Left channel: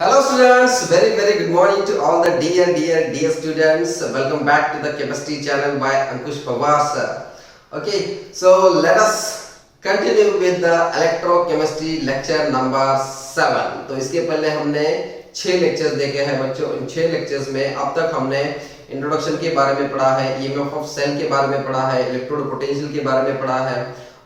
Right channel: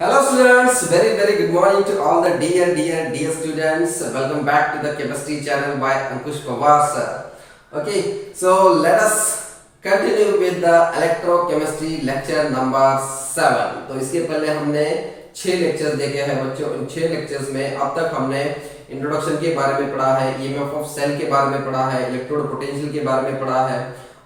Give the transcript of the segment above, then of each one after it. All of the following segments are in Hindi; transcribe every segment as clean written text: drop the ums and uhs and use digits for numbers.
Hello students, very good morning to all the dear students. Welcome back to the chemistry channel by Ankush Pawar sir. Okay, so let us continue with the electrochemistry lecture number 7. तो इसके पहले हमने 6 लेक्चर्स देखे हैं बच्चों. इन 6 लेक्चर्स में अब तक हमने इंट्रोडक्शन के बारे में पढ़ा है, ईएमएफ ऑफ सेल के बारे में पढ़ा है, इलेक्ट्रोड पोटेंशियल के बारे में पढ़ा है.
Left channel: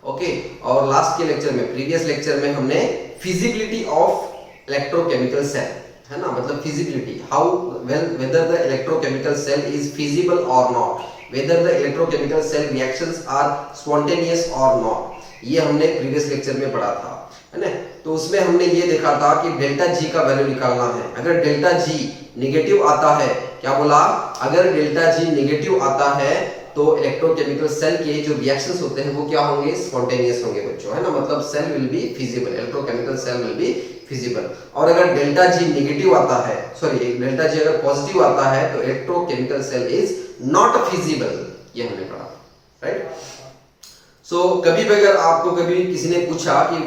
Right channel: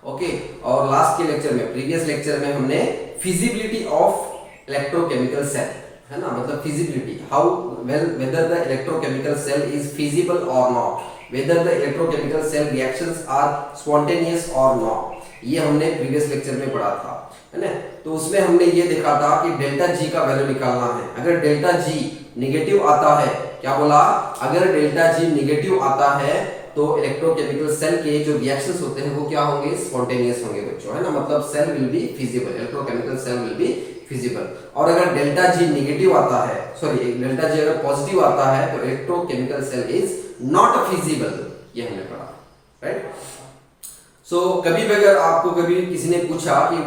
ओके, और लास्ट के लेक्चर में, प्रीवियस लेक्चर में हमने फिजिबिलिटी ऑफ इलेक्ट्रोकेमिकल सेल, है ना, मतलब feasibility, how well whether the electrochemical cell is feasible और not, whether the electrochemical cell reactions are spontaneous और नॉट, ये हमने प्रीवियस लेक्चर में पढ़ा था, है ना. तो उसमें हमने ये देखा था कि डेल्टा जी का वैल्यू निकालना है. अगर डेल्टा जी नेगेटिव आता है, क्या बोला, अगर डेल्टा जी नेगेटिव आता है तो इलेक्ट्रोकेमिकल सेल के जो रिएक्शंस होते हैं वो क्या होंगे, स्पॉन्टेनियस होंगे बच्चों, है ना, मतलब cell will be feasible, electrochemical cell will be feasible. और अगर डेल्टा जी नेगेटिव आता है, सॉरी डेल्टा जी अगर पॉजिटिव आता है तो electrochemical cell is not feasible, ये हमने पढ़ा, राइट. सो कभी भी अगर आपको कभी किसी ने पूछा कि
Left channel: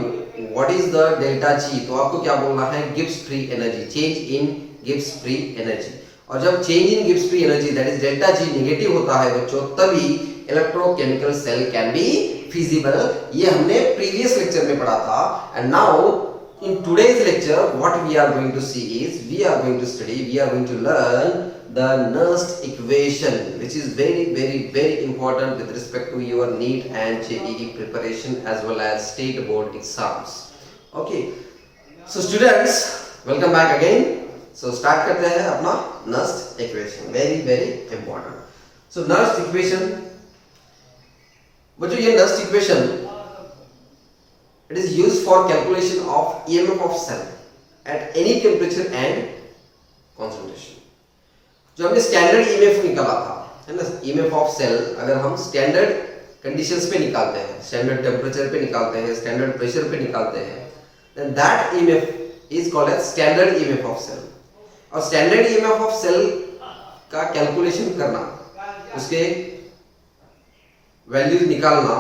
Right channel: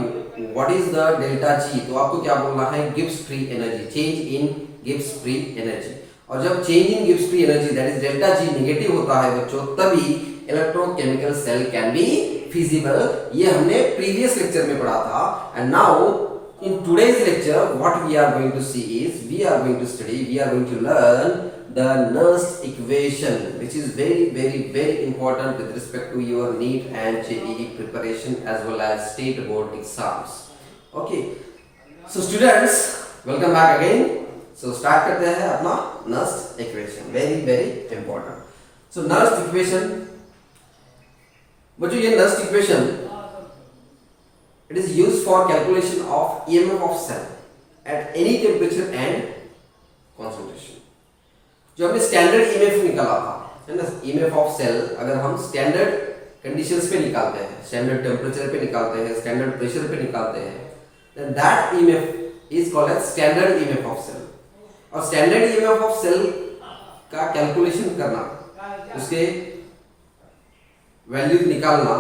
what is the delta G, तो आपको क्या बोलना है, Gibbs free energy, change in Gibbs free energy. और जब change in Gibbs free energy that is delta G negative होता है बच्चों, तभी electrochemical cell can be feasible. ये हमने प्रीवियस लेक्चर में पढ़ा था. And now in today's lecture what we are going to see is we are going to learn the Nernst equation, which is very important with respect to your NEET and JEE preparation as well as state board exams. Okay, so students, welcome back again. So start करते हैं अपना Nernst equation, very important. So Nernst equation, बच्चों ये Nernst equation it is used for calculation of EMF of cell at any temperature and concentration. जो हमने स्टैंडर्ड EMF निकाला था, है ना, EMF of cell अगर हम स्टैंडर्ड कंडीशंस पे निकालते हैं, स्टैंडर्ड टेम्परेचर पे निकालते हैं, स्टैंडर्ड प्रेशर पे निकालते हैं, then that EMF is called as standard EMF of cell. और स्टैंडर्ड EMF of cell का कैलकुलेशन करना, उसके वैल्यूज निकालना,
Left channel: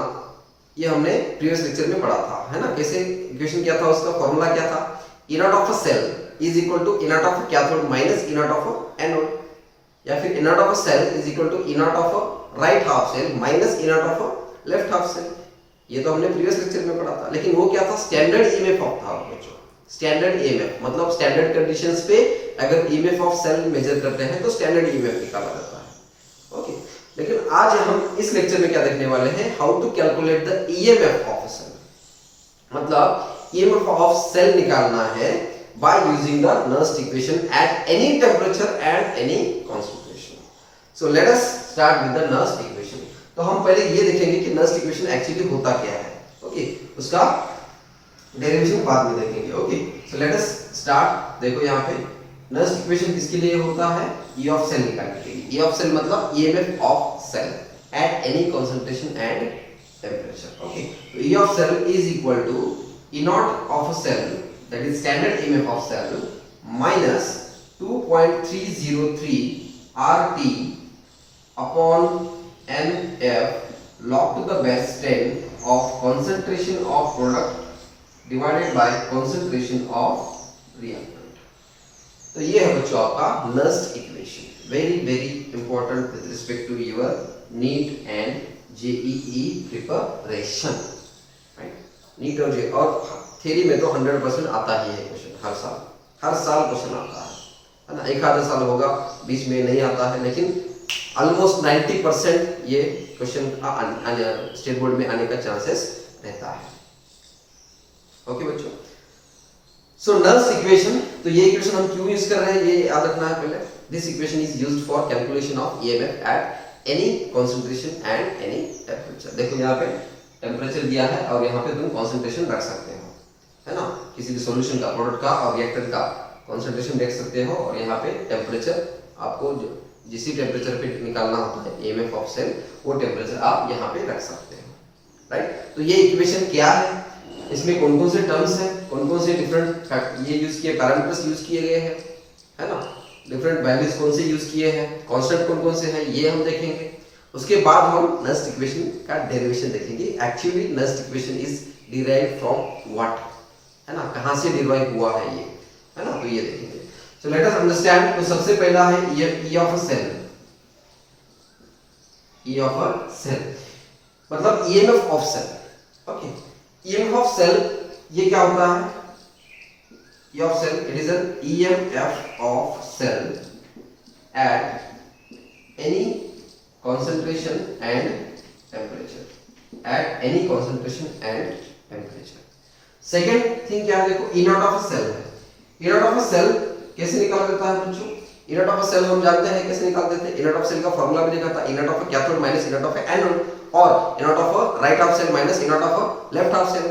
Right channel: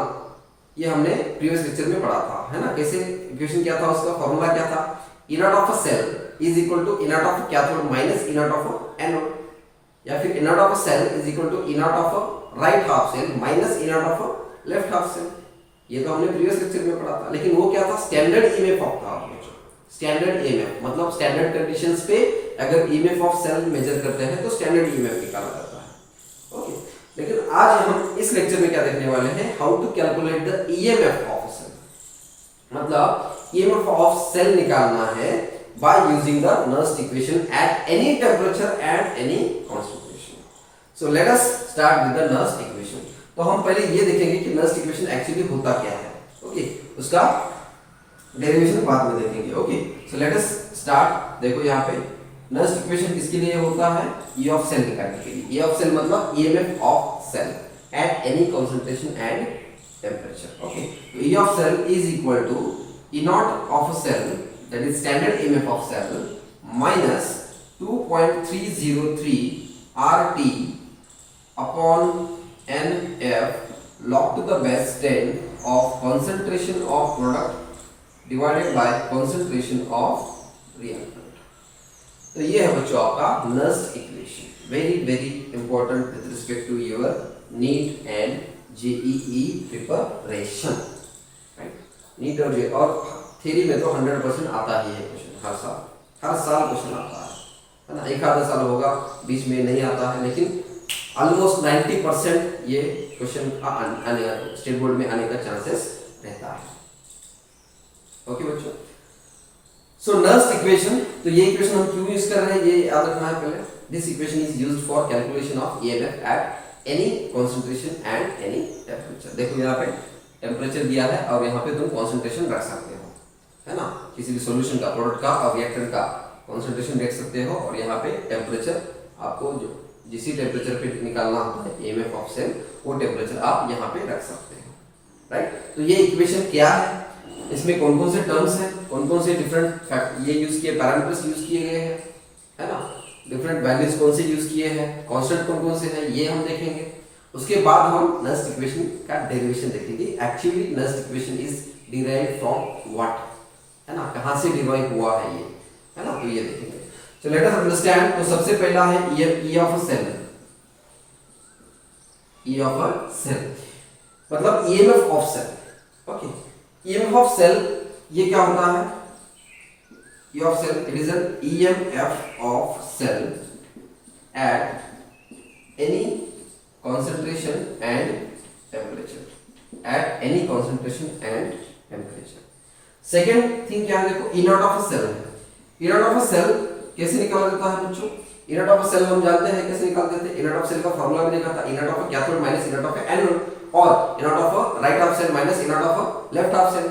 ये हमने प्रीवियस लेक्चर में पढ़ा था, है ना. कैसे इक्वेशन क्या था, उसका फॉर्मूला क्या था, E naught of a cell is equal to E naught of a cathode minus E naught of a anode, या फिर E naught of a cell is equal to E naught of a right half cell minus E naught of a left half cell. ये तो हमने प्रीवियस लेक्चर में पढ़ा था. लेकिन वो क्या था, स्टैंडर्ड EMF ऑफ था. स्टैंडर्ड EMF मतलब स्टैंडर्ड कंडीशंस पे अगर EMF ऑफ सेल मेजर करते हैं तो स्टैंडर्ड EMF निकाला जाता है. ओके, लेकिन आज हम इस लेक्चर में क्या देखने वाले हैं, how to calculate the EMF of a cell, मतलब EMF ऑफ सेल निकालना है by using the Nernst equation at any temperature and any concentration. So let us start with the Nernst equation. तो हम पहले ये देखेंगे कि Nernst equation एक्चुअली होता क्या है. ओके, उसका डेरिवेशन बाद में देखेंगे. Okay, so let us start. देखो यहाँ पे Nernst equation किसके लिए होता है, E of cell निकालने के लिए. E of cell मतलब EMF of cell at any concentration and temperature. Okay, so E of cell is equal to E naught of a cell, that is standard EMF of cell, minus 2.303 RT upon NF log to the base 10 of concentration of product divided by concentration of reactant. तो ये है बच्चों आपका Nernst equation, very important with respect to your NEET and JEE preparation, right? NEET और JEE, और थ्योरी में तो 100% आता ही है क्वेश्चन, हर साल क्वेश्चन आता है ना. एक आधा साल होगा बीच में नहीं आता है, लेकिन ऑलमोस्ट 90% ये क्वेश्चन स्टेट बोर्ड में आने का चांसेस रहता है. ओके बच्चों, सो Nernst इक्वेशन, तो ये इक्वेशन हम क्यों यूज कर रहे हैं ये याद रखना है पहले. This equation is used for calculation of EMF at any concentration and any temperature. देखो यहाँ पे टेम्परेचर दिया है और यहाँ पे तुम कंसंट्रेशन रख सकते हो, है ना, किसी भी सॉल्यूशन का, प्रोडक्ट का और रिएक्टेंट का कंसंट्रेशन देख सकते हो. और यहाँ पे टेम्परेचर आपको जो जिस टेम्परेचर पे निकालना होता है EMF ऑफ सेल, वो टेम्परेचर आप यहाँ पे रख सकते हो, राइट. तो ये इक्वेशन क्या है, इसमें कौन कौन से टर्म्स हैं, कौन कौन से डिफरेंट ये यूज किए पैरामीटर्स यूज किए गए हैं, है ना, डिफरेंट वैल्यूज कौन से यूज किए हैं, कांस्टेंट कौन कौन से हैं, ये हम देखेंगे. उसके बाद हम Nernst इक्वेशन का डेरिवेशन देखेंगे. Actually Nernst equation is derived from what, है ना, कहाँ से डिराइव हुआ है ये, है ना, तो ये देखेंगे। So let us understand. तो सबसे पहला है E of a cell, E of a cell मतलब EMF of cell. Okay, EMF of cell ये क्या होता है? E of cell, it is an EMF of cell at any concentration and temperature, at any concentration and temperature. Second thing क्या है? देखो, इनर्ट ऑफ अ सेल है। इनर्ट ऑफ अ सेल कैसे निकाला जाता है बच्चों? इनर्ट ऑफ अ सेल हम जानते हैं कैसे निकाल देते हैं। इनर्ट ऑफ सेल का फॉर्मूला भी देखा था, E naught of a cathode minus E naught of a anode, और E naught of a right half cell minus E naught of a left half cell.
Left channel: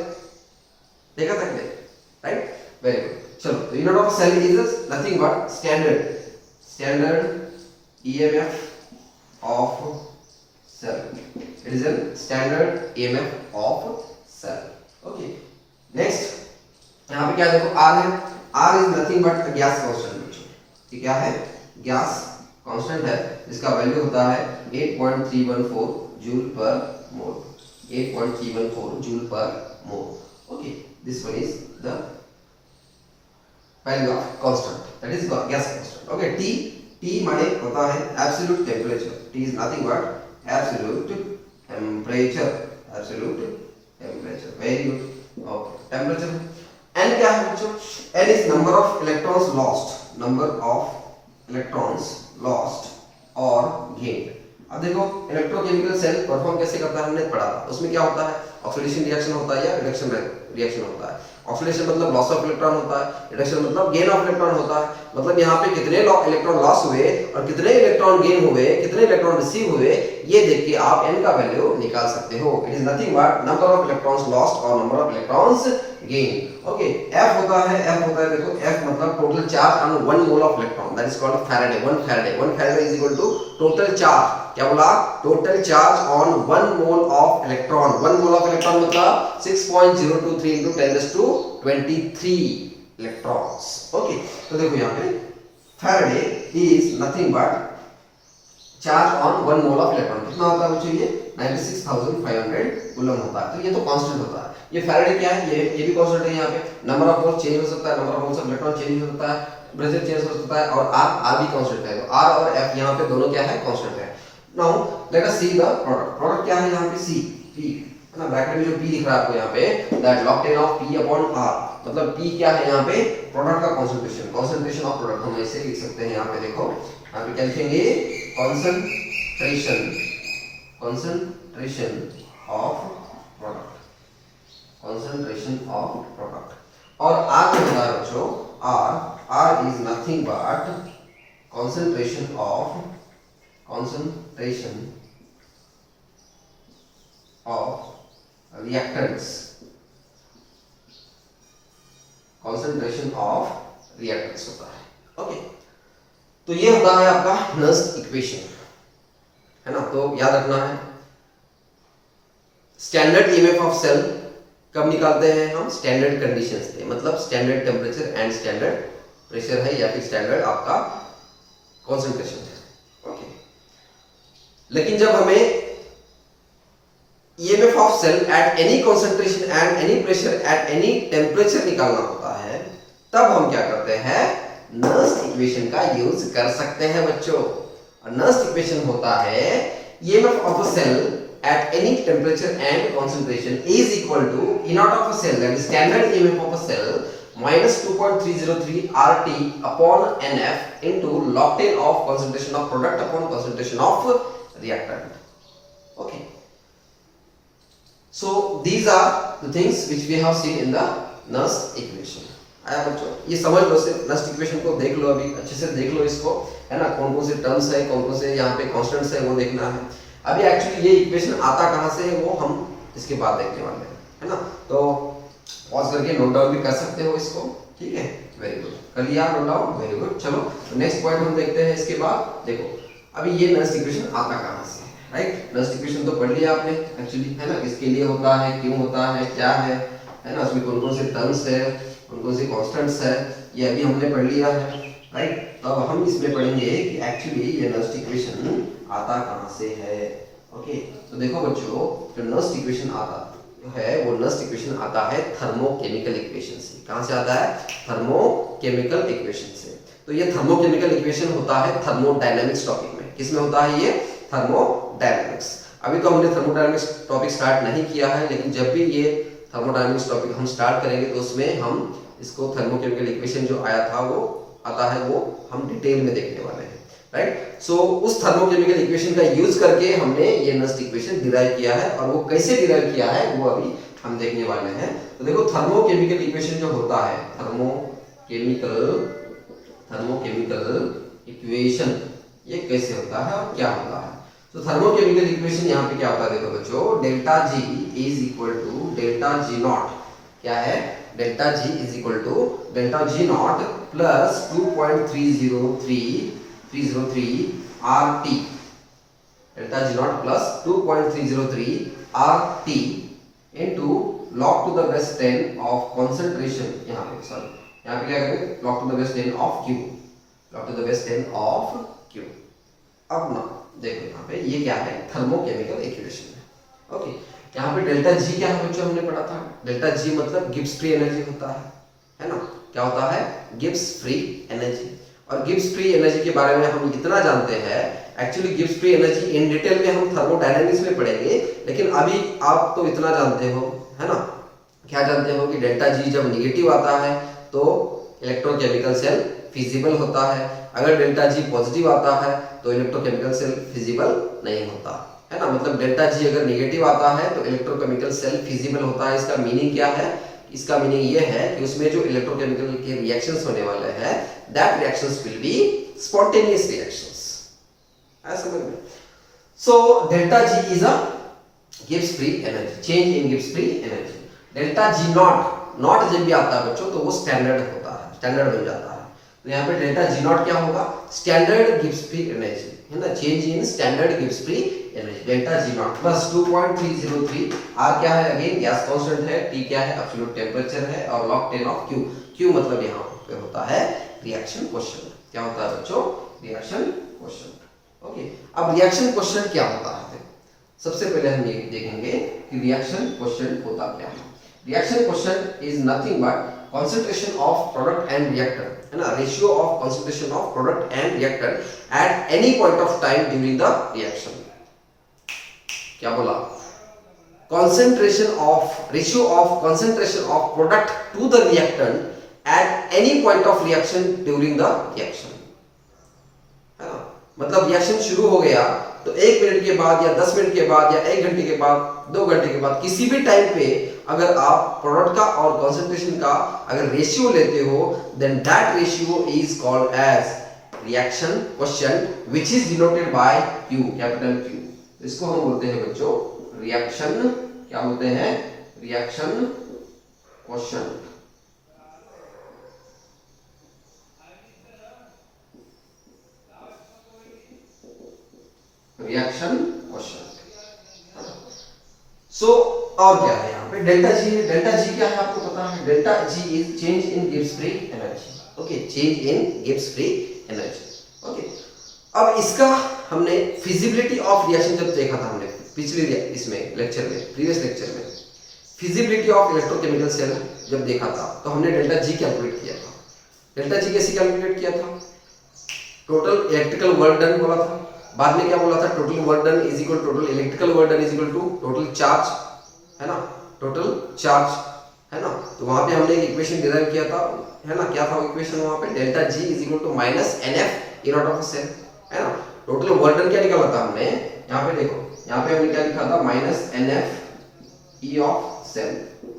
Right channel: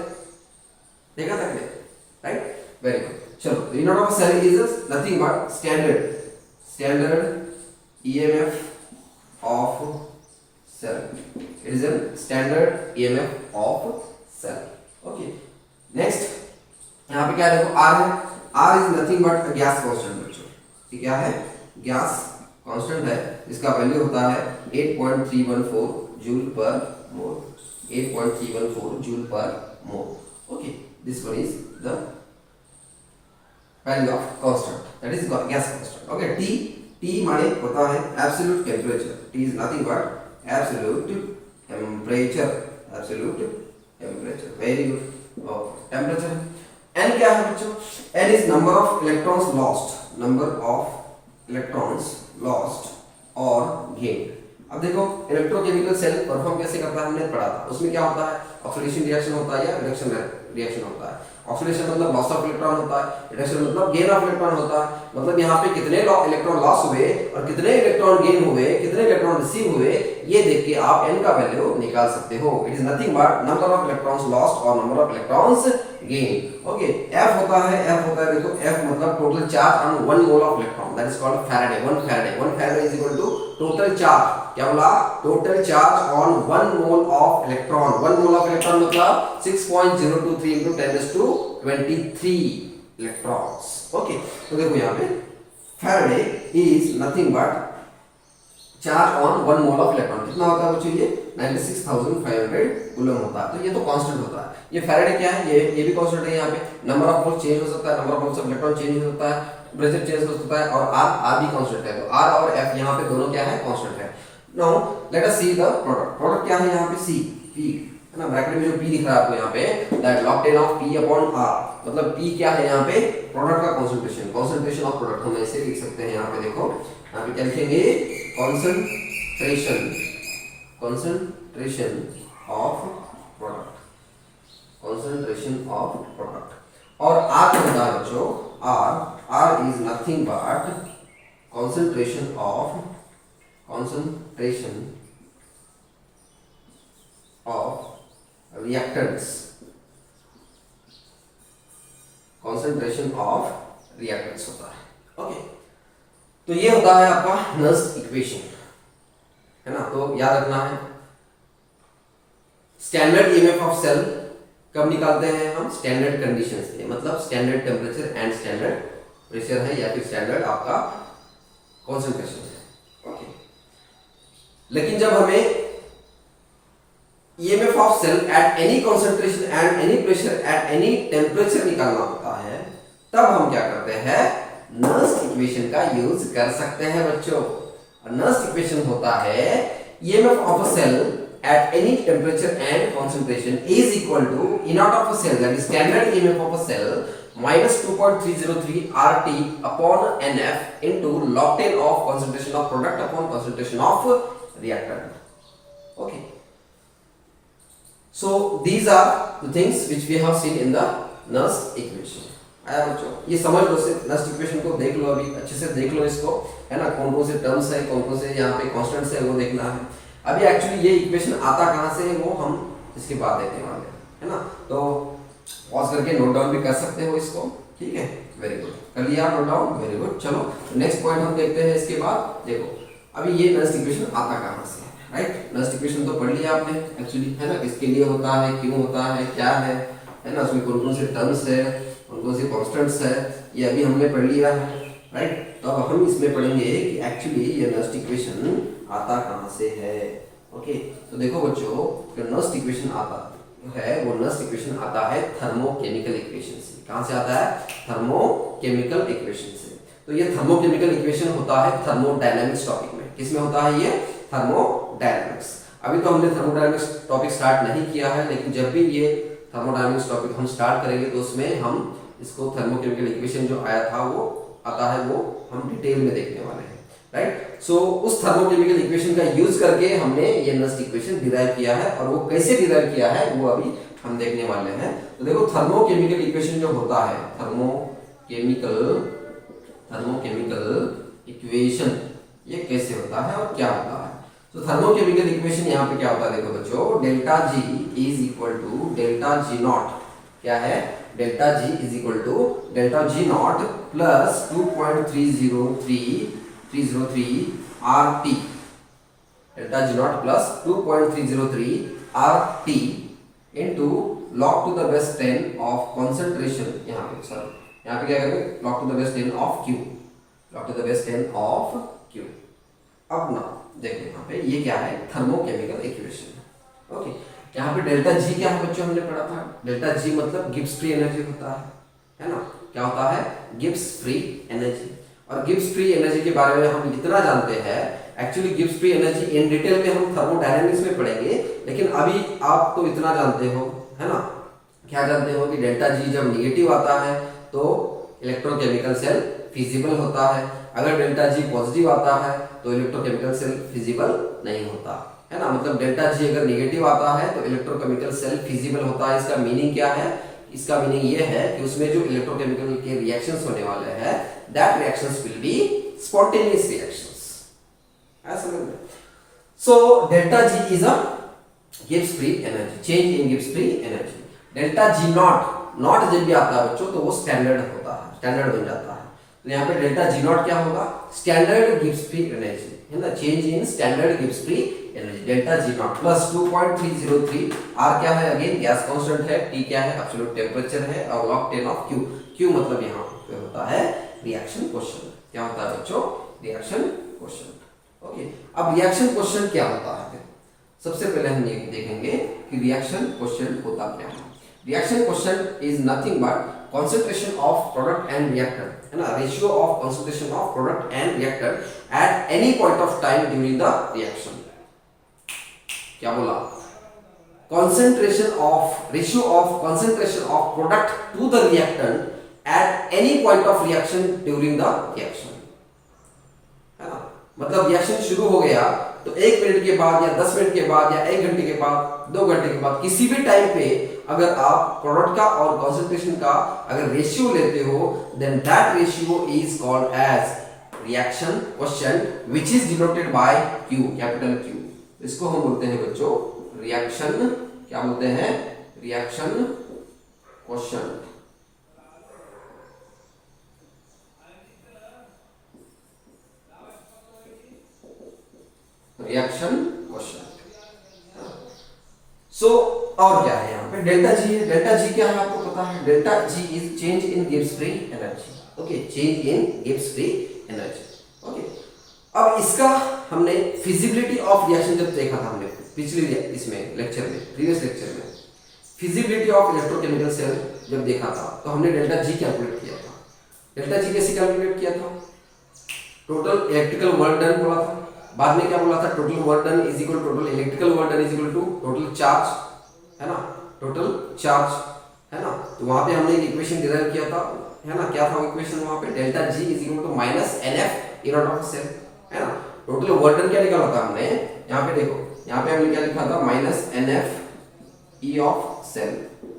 देखा था कि नहीं? Right, very good. चलो, E naught of a cell is nothing but standard EMF of cell. It is a standard EMF of cell. Okay. Next यहाँ पे क्या देखो R है। R is nothing but a gas constant बच्चों। ये क्या है? गैस कांस्टेंट है, इसका वैल्यू होता है 8.314 जूल पर मोल। 8.314 जूल पर मोल। Okay, this one is the value of constant, that is gas constant. Okay, T माने होता है absolute temperature. T is nothing but absolute temperature, absolute temperature. Very good. Okay, temperature. N क्या है बच्चों? N is number of electrons lost, number of electrons lost or gained. अब देखो, इलेक्ट्रोकेमिकल सेल परफॉर्म कैसे करता है हमने पढ़ा था। उसमें क्या होता है? ऑक्सीडेशन रिएक्शन होता है या रिडक्शन रिएक्शन होता है। ऑक्सीडेशन मतलब लॉस ऑफ इलेक्ट्रॉन होता है, रिडक्शन मतलब गेन ऑफ इलेक्ट्रॉन होता है। मतलब यहाँ पे कितने इलेक्ट्रॉन लॉस हुए और कितने इलेक्ट्रॉन गेन हुए, कितने इलेक्ट्रॉन रिसीव हुए, ये देख के आप n का वैल्यू निकाल सकते हो। It is nothing but number of electrons lost और number of electrons gain. Okay, F होता है देखो, F मतलब total charge on 1 mole of electron, that is called Faraday. 1 Faraday is equal to total charge. क्या बोला? Total charge on 1 mole of electron. 1 mole of electron मतलब 6.023 into 10⁻23 इलेक्ट्रॉन्स। ओके, तो देखो यहाँ पे Faraday is nothing but charge on 1 mole of electron. कितना होता है बच्चों? ये 96,500 कूलम होता है। तो ये तो कांस्टेंट होता है। ये फैराडे क्या है? ये भी कांस्टेंट है। यहाँ पे नंबर ऑफ मोल्स चेंज हो सकता है, number of moles of electron change हो सकता है, प्रेशर चेंज हो सकता है, और R भी कांस्टेंट है। तो R और F यहाँ पे दोनों क्या है? कांस्टेंट है। Now let us see the product. Product क्या है यहाँ पे? C, P, है ना। ब्रैकेट में जो P दिख रहा है आपको यहाँ पे, that log 10 of P upon R। मतलब P क्या है यहाँ पे? प्रोडक्ट का कंसंट्रेशन ऑफ प्रोडक्ट। हम ऐसे लिख सकते हैं यहाँ पे, देखो यहाँ पे क्या लिखेंगे? Concentration of product, concentration of product. और R क्या होता है बच्चों? R is nothing but concentration of reactants, concentration of reactants होता है। ओके, तो ये होता है आपका नर्स इक्वेशन, है ना। तो याद रखना है, स्टैंडर्ड ईएमएफ ऑफ सेल कब निकालते हैं हम? स्टैंडर्ड कंडीशन से, मतलब standard temperature and standard pressure है, या फिर स्टैंडर्ड आपका कॉन्सेंट्रेशन है। ओके, लेकिन जब हमें EMF of cell at any concentration and any pressure at any temperature निकालना होता है, तब हम क्या करते हैं? नर्स इक्वेशन का यूज कर सकते हैं बच्चों। और नर्स इक्वेशन होता है EMF of a cell at any temperature and concentration is equal to E naught of a cell, that is standard EMF of a cell, minus 2.303 RT upon NF into log 10 of concentration of product upon concentration of reactant. Okay, so these are the things which we have seen in the Nernst equation. आया बच्चों? ये समझ लो, से नर्स इक्वेशन को देख लो, अभी अच्छे से देख लो इसको, है ना। कौन कौन से टर्म्स है, कौन कौन से यहाँ पे कॉन्स्टेंट्स है, वो देखना है। अभी एक्चुअली ये इक्वेशन आता कहाँ से है वो हम इसके बाद देखने वाले हैं, है ना। तो पॉज करके नोट डाउन भी कर सकते हो इसको, ठीक है। वेरी गुड, कर लिया नोट डाउन, वेरी गुड। चलो नेक्स्ट पॉइंट हम देखते हैं इसके बाद। देखो अभी ये नर्स इक्वेशन आता कहाँ से है, राइट। नर्स इक्वेशन तो पढ़ लिया आपने एक्चुअली, है ना। किसके लिए होता है, क्यों होता है, क्या है ना। उसमें कौन कौन से टर्म्स है, कौन कौन से कॉन्स्टेंट्स है, ये अभी हमने पढ़ लिया है, राइट। तो अब हम इसमें पढ़ेंगे कि एक्चुअली ये नर्स इक्वेशन आता कहाँ से है। ओके, तो देखो बच्चों, जो नर्स इक्वेशन आता है वो नस्ट इक्वेशन आता है थर्मोकेमिकल इक्वेशन से। कहां से आता है? थर्मोकेमिकल इक्वेशन से। तो ये थर्मोकेमिकल इक्वेशन होता है थर्मोडायनामिक्स टॉपिक में। किसमें होता है ये? थर्मोडायनामिक्स। अभी तो हमने थर्मोडायनामिक्स टॉपिक स्टार्ट नहीं किया है, लेकिन जब भी ये थर्मोडायनामिक्स टॉपिक हम स्टार्ट करेंगे तो उसमें हम इसको थर्मोकेमिकल इक्वेशन जो आया था वो आता है, वो हम डिटेल में देखने वाले हैं, राइट। सो उस थर्मोकेमिकल इक्वेशन का यूज करके हमने ये नस्ट इक्वेशन डिराइव किया है, और वो कैसे डिराइव किया है वो अभी हम देखने वाले हैं। तो देखो थर्मोकेमिकल इक्वेशन जो होता है, थर्मोकेमिकल इक्वेशन ये कैसे होता है और क्या होता है। तो थर्मोकेमिकल इक्वेशन यहाँ पे क्या होता है, देखो बच्चों, delta G is equal to delta G not. क्या है? Delta G is equal to delta G not plus 2.303 RT। Delta G not plus 2.303 RT into log to the base 10 of concentration. यहाँ पे सॉरी, यहाँ पे क्या करेंगे, log to the base 10 of Q, log to the base 10 of Q। अब ना देखो यहाँ पे ये क्या है, थर्मोकेमिकल इक्वेशन है। ओके, यहाँ पे डेल्टा जी क्या है बच्चों, हमने पढ़ा था डेल्टा जी मतलब गिब्स फ्री एनर्जी होता है ना। क्या होता है? Gibbs free energy. और गिब्स फ्री एनर्जी के बारे में हम इतना जानते हैं, actually Gibbs free energy in detail में हम थर्मोडायनामिक्स में पढ़ेंगे, लेकिन अभी आप तो इतना जानते हो, है ना। क्या जानते हो कि डेल्टा जी जब निगेटिव आता है तो इलेक्ट्रोकेमिकल सेल फिजिबल होता है, अगर डेल्टा जी पॉजिटिव आता है तो इलेक्ट्रोकेमिकल सेल फिजिबल नहीं होता, है ना। मतलब डेल्टा जी अगर नेगेटिव आता है तो इलेक्ट्रोकेमिकल सेल फिजिबल होता है। इसका मीनिंग क्या है? इसका मीनिंग ये है कि उसमें जो इलेक्ट्रोकेमिकल के रिएक्शंस होने वाले हैं, that reactions will be spontaneous reactions. ऐसा समझ में? सो delta G is a Gibbs free energy, change in Gibbs free energy. Delta G not जब भी आता है बच्चों तो वो स्टैंडर्ड होता है, स्टैंडर्ड बन जाता है। तो यहाँ पे डेल्टा जी नॉट क्या होगा? स्टैंडर्ड गिब्स फ्री एनर्जी, है ना, change in standard Gibbs free energy. Delta G not plus 2.303 R क्या है? अगेन गैस कांस्टेंट है, T क्या है? एब्सोल्यूट टेम्परेचर है, और log 10 ऑफ Q। Q मतलब यहाँ पे होता है रिएक्शन क्वोशिएंट। क्या होता है बच्चों? Reaction quotient. ओके, अब रिएक्शन क्वोशिएंट क्या होता है? सबसे पहले हम ये देखेंगे कि रिएक्शन क्वोशिएंट होता क्या है। Reaction quotient is nothing but concentration of product and reactor, है ना, ratio of concentration of product and reactor at any point of time during the reaction। क्या बोला? ratio of concentration of product to the reactant at any point of reaction during the reaction, है ना। मतलब रिएक्शन शुरू हो गया तो 1 मिनट के बाद या 10 मिनट के बाद या 1 घंटे के बाद, 2 घंटे के बाद, किसी भी टाइम पे अगर आप प्रोडक्ट का और कंसंट्रेशन का अगर रेशियो लेते हो, then that ratio is called as reaction quotient which is denoted by Q, capital Q। इसको हम बोलते हैं बच्चों रिएक्शन, क्या बोलते हैं? Reaction quotient. Reaction quotient. So और क्या है यहाँ पे? डेल्टा जी है। डेल्टा जी क्या है आपको पता है? Delta G is change in Gibbs free energy. Okay, change in Gibbs free energy. Okay, अब इसका हमने फिजिबिलिटी ऑफ रिएक्शन जब देखा था हमने पिछले इसमें लेक्चर में, प्रीवियस लेक्चर में फिजिबिलिटी ऑफ इलेक्ट्रोकेमिकल सेल जब देखा था तो हमने डेल्टा जी कैलकुलेट किया था। डेल्टा जी कैसे कैलकुलेट किया था? टोटल इलेक्ट्रिकल वर्क डन बोला था, बाद में क्या बोला था? Total work done is equal total electrical work done is equal to total charge, है ना, टोटल चार्ज, है ना। तो वहां पे हमने इक्वेशन डिराइव किया था, है ना। क्या था इक्वेशन वहां पे? Delta G is equal to minus NF E not of cell, है ना। टोटल वर्क डन क्या निकाला था हमने? यहाँ पे देखो, यहाँ पे हमने क्या लिखा था? Minus NF E of cell.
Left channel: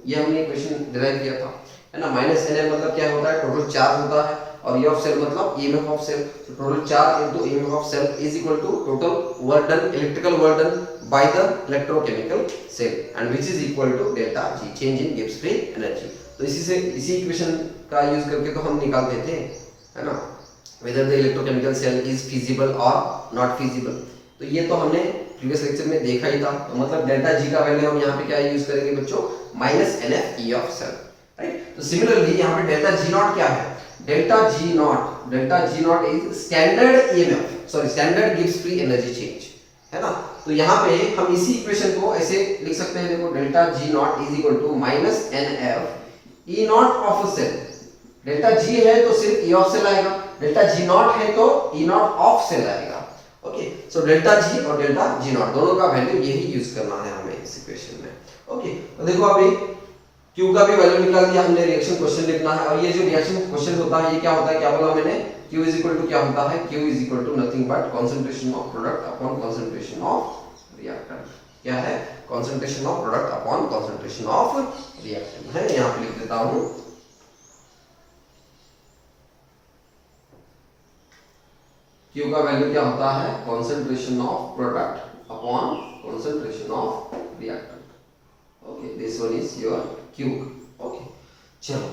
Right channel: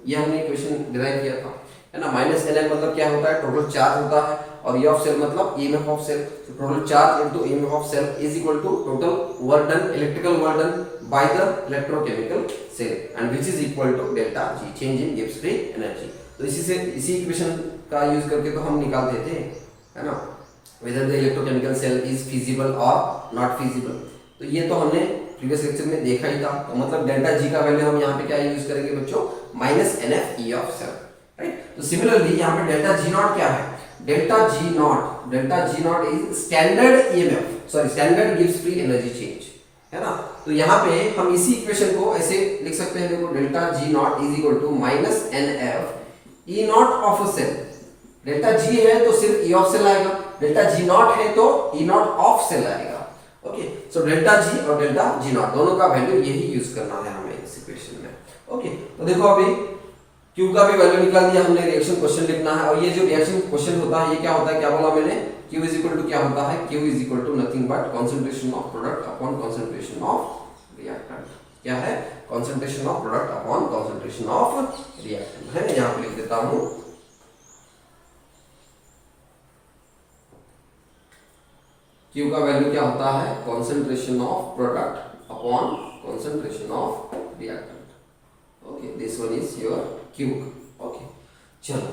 ये हमने इक्वेशन डिराइव किया था, है ना। माइनस NF मतलब क्या होता है? टोटल चार्ज होता है, और E ऑफ सेल मतलब EMF ऑफ सेल। तो total charge into EMF of cell is equal to total work done, electrical work done by the electrochemical cell, and which is equal to delta G, change in Gibbs free energy. तो इसी इक्वेशन का यूज करके तो हम निकालते थे, है ना, whether the electrochemical cell is feasible or not feasible। तो ये तो हमने प्रीवियस लेक्चर में देखा ही था। तो मतलब डेल्टा जी का वैल्यू हम यहाँ पे क्या यूज करेंगे बच्चों? Minus NF E of cell, right. तो सिमिलरली यहाँ पे डेल्टा जी नॉट क्या है? Delta G not is standard EMF, sorry standard Gibbs free energy change, है ना। तो तो यहाँ पे हम इसी इक्वेशन को ऐसे लिख सकते हैं, देखो delta G not is equal to minus N F E not of cell. Delta G है तो सिर्फ ई ऑफ सेल आएगा, डेल्टा जी नॉट है तो ई नॉट ऑफ सेल आएगा। ओके, सो डेल्टा जी और डेल्टा जी नॉट दोनों का वैल्यू यही यूज करना है हमें इस इक्वेशन में। ओके, तो देखो अभी Q का भी वैल्यू निकाल दिया हमने, रिएक्शन क्वेश्चन लिखना है। और ये जो रिएक्शन क्वेश्चन होता है ये क्या होता है, क्या बोला मैंने, Q इज इक्वल टू क्या होता है, Q is equal to nothing but concentration of product upon concentration of reactant. क्या है, concentration of product upon concentration of reactant है। यहां पे लिख देता हूं, Q का वैल्यू क्या होता है, concentration of product upon concentration of reactant. Okay, this one is your Q। Okay, चलो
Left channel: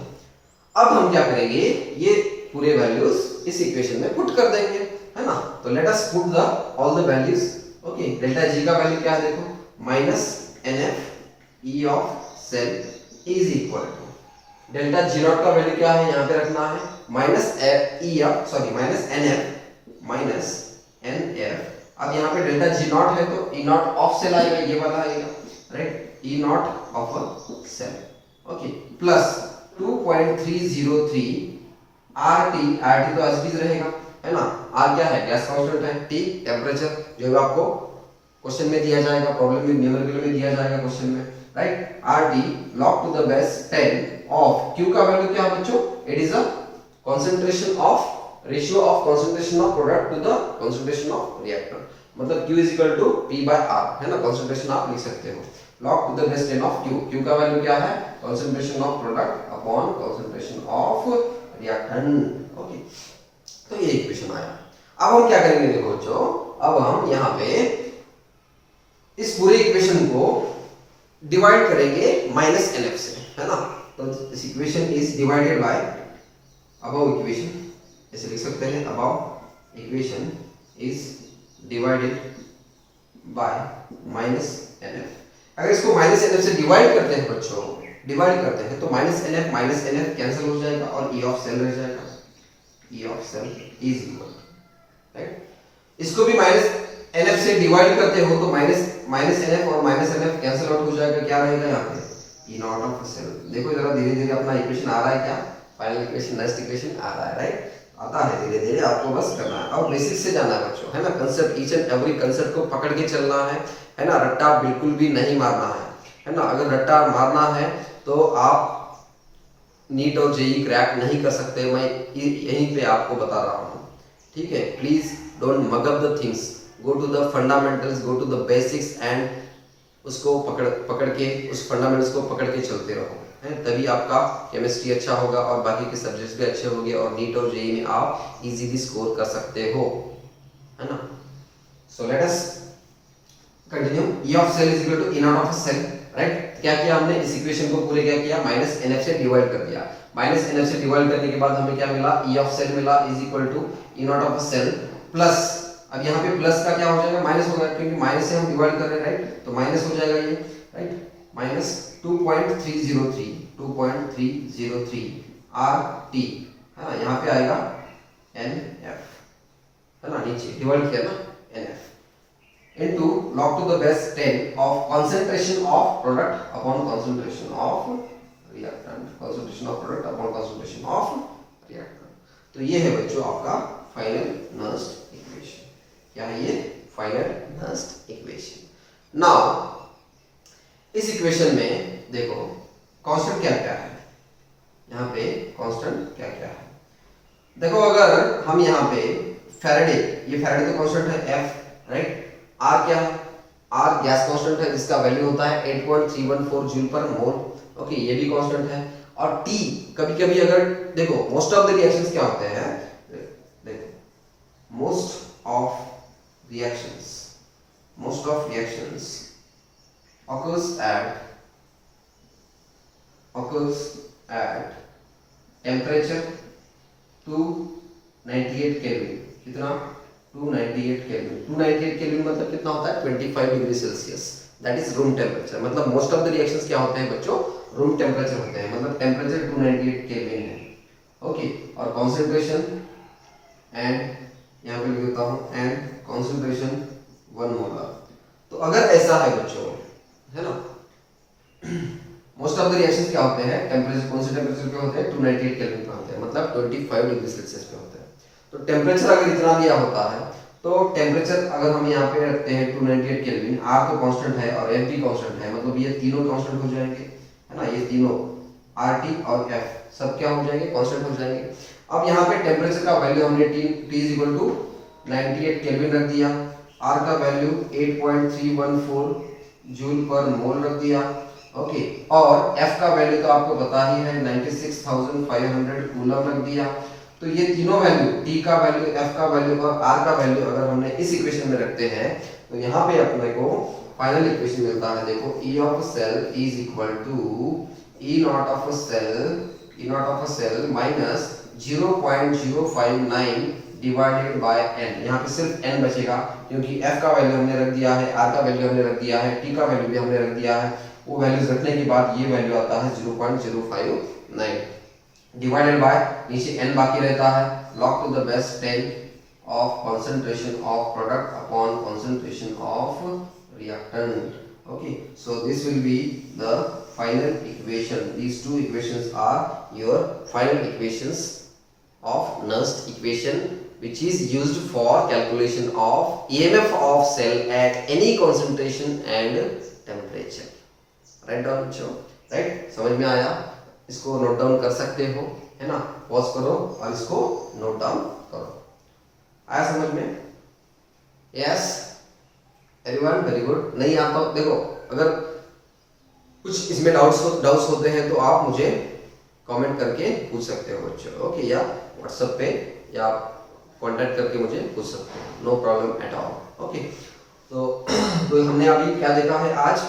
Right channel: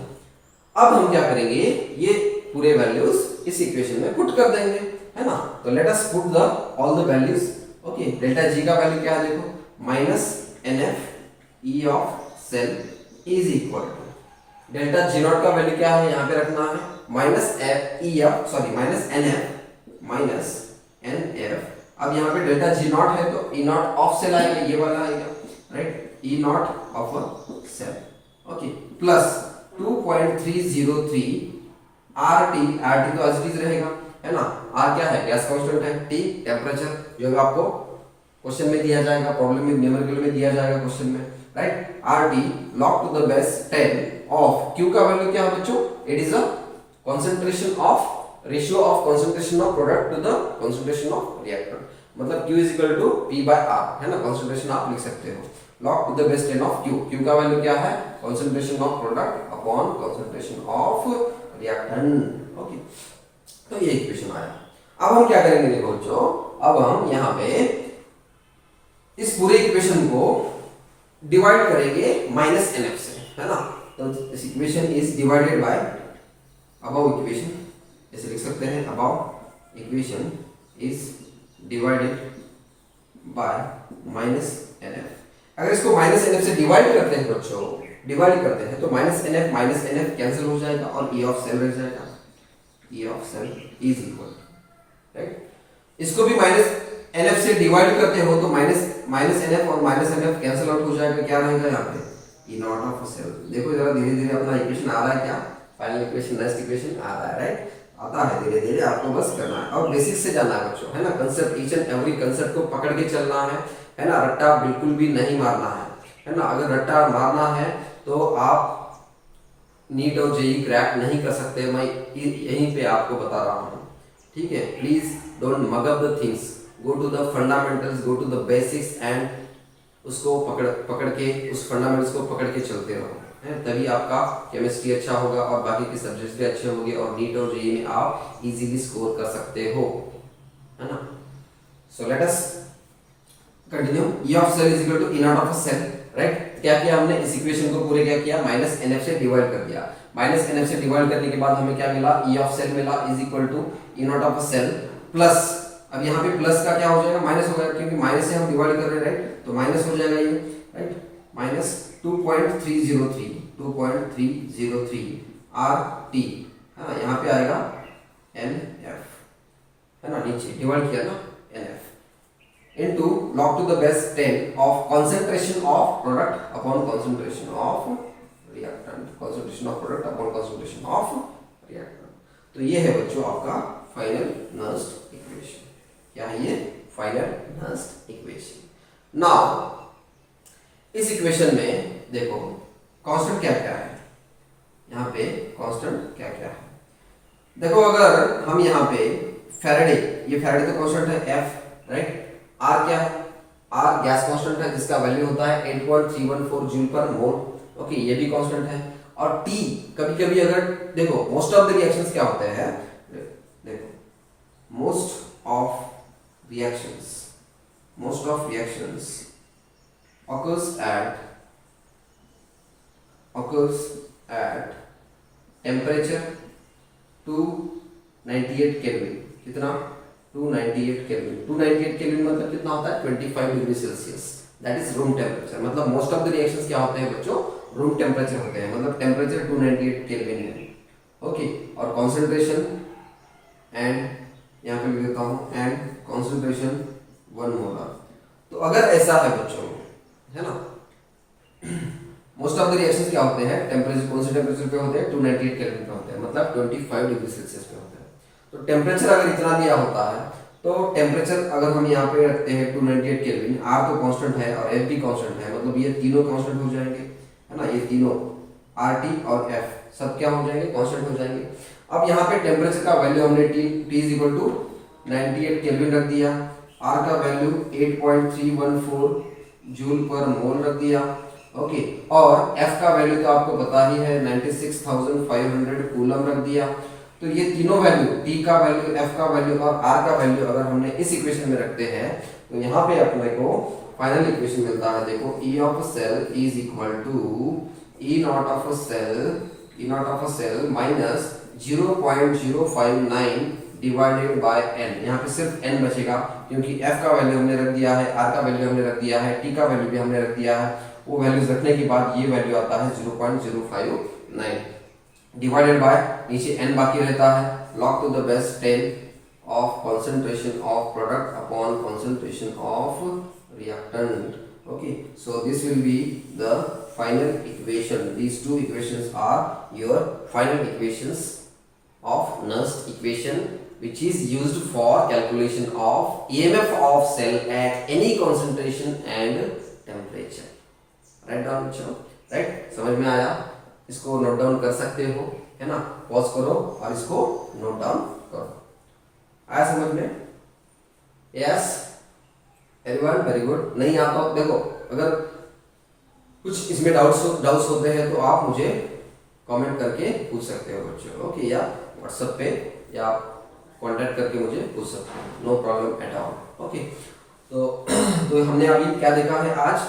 अब हम क्या करेंगे, ये पूरे वैल्यूज इस इक्वेशन में पुट कर देंगे, है ना। तो let us put the all the values. Okay, delta G का वैल्यू क्या है, देखो minus N F E of cell is equal to delta G not का वैल्यू क्या है, यहाँ पे रखना है minus E F, sorry minus N F minus N F. अब यहाँ पे डेल्टा जी नॉट है तो ई नॉट ऑफ सेल आएगा, ये वाला आएगा, right, E not of a cell. Okay, plus 2.303 RT, RT तो एज इट इज रहेगा, है ना। आर क्या है, गैस कांस्टेंट है, टी टेम्परेचर, जो भी आपको क्वेश्चन में दिया जाएगा, प्रॉब्लम में न्यूमेरिकल में दिया जाएगा क्वेश्चन में, right. RT log to the base 10 of Q का वैल्यू क्या है बच्चों, it is a concentration of ratio of concentration of product to the concentration of reactant, मतलब Q is equal to P by R, है ना। कंसंट्रेशन आप लिख सकते हो, log to the base 10 of Q। Q का वैल्यू क्या है, concentration of product upon concentration of reactant. Okay, तो ये इक्वेशन आया। अब हम क्या करेंगे, देखो बच्चों, अब हम यहाँ पे इस पूरे इक्वेशन को डिवाइड करेंगे माइनस NF से, है ना। तो this equation is divided by above equation, ऐसे लिख सकते हैं, above equation is divided by minus NF। अगर इसको माइनस NF से डिवाइड करते हैं बच्चों, डिवाइड करते हैं तो माइनस NF कैंसिल हो जाएगा और E ऑफ सेल रह जाएगा, E of cell is equal, right. इसको भी माइनस NF से डिवाइड करते हो तो माइनस NF और माइनस NF कैंसिल आउट हो जाएगा, क्या रहेगा यहाँ पे, E नॉट ऑफ सेल। देखो जरा धीरे धीरे अपना इक्वेशन आ रहा है, क्या फाइनल इक्वेशन, नेक्स्ट इक्वेशन आ रहा है, राइट, आता है धीरे धीरे, आपको बस करना है और बेसिक से जाना है बच्चों, है ना। Concept, each and every concept को पकड़ के चलना है ना। रट्टा बिल्कुल भी नहीं मारना है ना। अगर रट्टा मारना है तो आप नीट और जेई क्रैक नहीं कर सकते, मैं यहीं पे आपको बता रहा हूँ, ठीक है। Please don't mug up the things, go to the fundamentals, go to the basics and उसको पकड़ के उस फंडामेंटल्स को पकड़ के चलते रहो, है, तभी आपका केमिस्ट्री अच्छा होगा और बाकी के सब्जेक्ट्स भी अच्छे होंगे और नीट और जेईई में आप इजीली स्कोर कर सकते हो, है ना। So let us continue. E of cell is equal to E not of cell, right. क्या किया हमने, इस इक्वेशन को पूरे क्या किया, माइनस NF से डिवाइड कर दिया। माइनस NF से डिवाइड करने के बाद हमें क्या मिला, E ऑफ सेल मिला is equal to E not of cell plus, अब यहाँ पे प्लस का क्या हो जाएगा, माइनस होगा, क्योंकि माइनस से हम डिवाइड कर रहे हैं, राइट, तो माइनस हो जाएगा ये, राइट, माइनस 2.303 RT, है ना। यहाँ पे आएगा NF, है ना, नीचे डिवाइड किया ना NF into log to the base 10 of concentration of product upon concentration of reactant, concentration of product upon concentration of reactant। तो ये है बच्चों आपका फाइनल नर्स्ड इक्वेशन। क्या है ये, फाइनल नर्स्ड इक्वेशन। नाउ इस इक्वेशन में देखो कांस्टेंट क्या क्या है, यहाँ पे कांस्टेंट क्या क्या है, देखो अगर हम यहाँ पे फैराडे, ये फैराडे का कांस्टेंट है F, राइट। R क्या है, R गैस कांस्टेंट है जिसका वैल्यू होता है 8.314 जूल पर मोल, ओके, ये भी कांस्टेंट है। और T कभी कभी अगर देखो मोस्ट ऑफ द रिएक्शंस क्या होते हैं, देखो most of reactions occurs at temperature 298 kelvin, कितना, 298 केल्विन। 298 केल्विन मतलब कितना होता है, 25 degree Celsius, that is room temperature. मतलब मोस्ट ऑफ द रिएक्शंस क्या होते हैं बच्चों, रूम टेम्परेचर होते हैं, मतलब टेम्परेचर 298 केल्विन है, ओके। और कॉन्सेंट्रेशन एंड यहाँ पे लिख देता हूँ, एंड कॉन्सेंट्रेशन 1 मोलर, तो अगर ऐसा है बच्चों, है ना, मोस्ट ऑफ द रिएक्शंस क्या होते हैं, टेम्परेचर कौन से टेम्परेचर पे होते हैं, 298 केल्विन पे होते हैं, मतलब 25 डिग्री सेल्सियस पे होते हैं। तो टेम्परेचर अगर इतना दिया होता है तो टेम्परेचर अगर हम यहाँ पे रखते हैं 298 केल्विन, आर तो कांस्टेंट है और एफ भी कांस्टेंट है, मतलब ये तीनों कांस्टेंट हो जाएंगे, है ना, ये तीनों आर टी और एफ सब क्या हो जाएंगे, कांस्टेंट हो जाएंगे। अब यहाँ पे टेम्परेचर का वैल्यू हमने T is equal to 98 kelvin रख दिया, आर का वैल्यू 8.314 जूल पर मोल रख दिया, ओके, और एफ का वैल्यू तो आपको पता ही है 96,500 कूलम रख दिया। तो ये तीनों वैल्यू, टी का वैल्यू, एफ का वैल्यू और आर का वैल्यू अगर हमने इस इक्वेशन में रखते हैं तो यहाँ पे अपने को फाइनल इक्वेशन मिलता है, देखो E of cell is equal to E not of cell minus 0.059 divided by n। यहाँ पे सिर्फ n बचेगा क्योंकि f का वैल्यू हमने रख दिया है, r का वैल्यू हमने रख दिया है, t का वैल्यू भी हमने रख दिया है। वो वैल्यूज रखने के बाद ये वैल्यू आता है 0.059 डिवाइडेड बाय नीचे n बाकी रहता है, log to the base 10 of concentration of product upon concentration of reactant. Okay, so this will be the final equation. These two equations are your final equations of Nernst equation, which is used for calculation of EMF of cell at any concentration and temperature. Write down बच्चों, right? समझ में आया? इसको नोट डाउन कर सकते हो, है ना, पॉज करो और इसको नोट डाउन करो। आया समझ में? Yes everyone, very good. नहीं आता हो देखो, अगर कुछ इसमें डाउट्स होते हैं तो आप मुझे कमेंट करके पूछ सकते हो बच्चों, ओके, या व्हाट्सएप पे या कांटेक्ट करके मुझे पूछ सकते हो, no problem at all. Okay, तो हमने अभी क्या देखा है आज,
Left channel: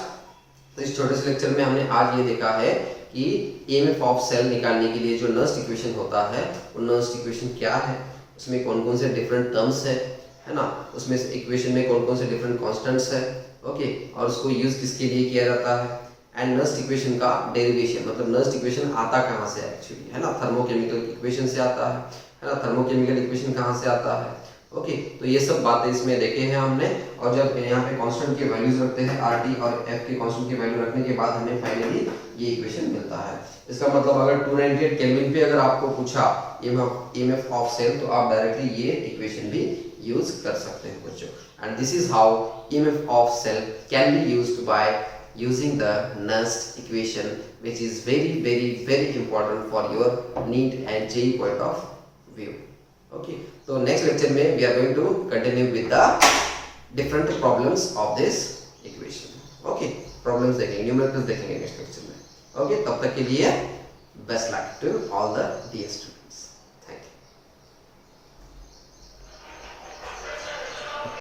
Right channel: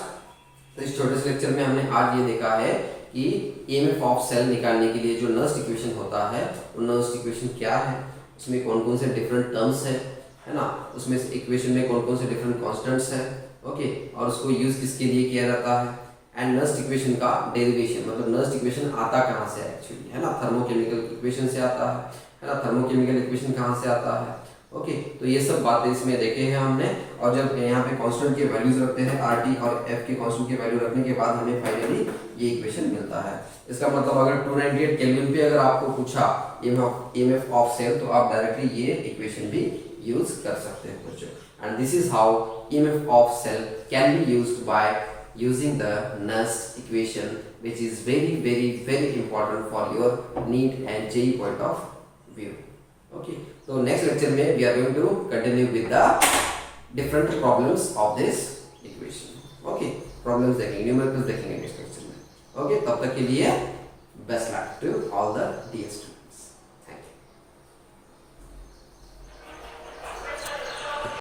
तो इस छोटे से लेक्चर में हमने आज ये देखा है कि ईएमएफ ऑफ सेल निकालने के लिए जो नर्स्ट इक्वेशन होता है, वो नर्स्ट इक्वेशन क्या है, उसमें कौन कौन से डिफरेंट टर्म्स है ना, उसमें से इक्वेशन में कौन कौन से डिफरेंट कॉन्स्टेंट्स है, ओके, और उसको यूज किसके लिए किया जाता है, एंड नर्स्ट इक्वेशन का डेरिवेशन, मतलब नर्स्ट इक्वेशन आता कहाँ से एक्चुअली, है ना, थर्मोकेमिकल इक्वेशन से आता है ना, थर्मोकेमिकल इक्वेशन कहाँ से आता है, ओके। तो ये सब बातें इसमें देखे हैं हमने, और जब यहाँ पे कांस्टेंट के वैल्यूज रखते हैं आर टी और एफ के कांस्टेंट के वैल्यू रखने के बाद हमें फाइनली ये इक्वेशन मिलता है। इसका मतलब अगर 298 केल्विन पे अगर आपको पूछा ईएमएफ ऑफ सेल तो आप डायरेक्टली ये इक्वेशन भी यूज कर सकते हैं बच्चों। And this is how EMF of cell can be used by using the Nernst equation, which is very important for your NEET and JEE point of view. Okay, so next lecture में we are going to continue with the different problems of this equation. Okay, problems देखेंगे, numericals देखेंगे next lecture में। Okay, तब तक के लिए best luck to all the dear students.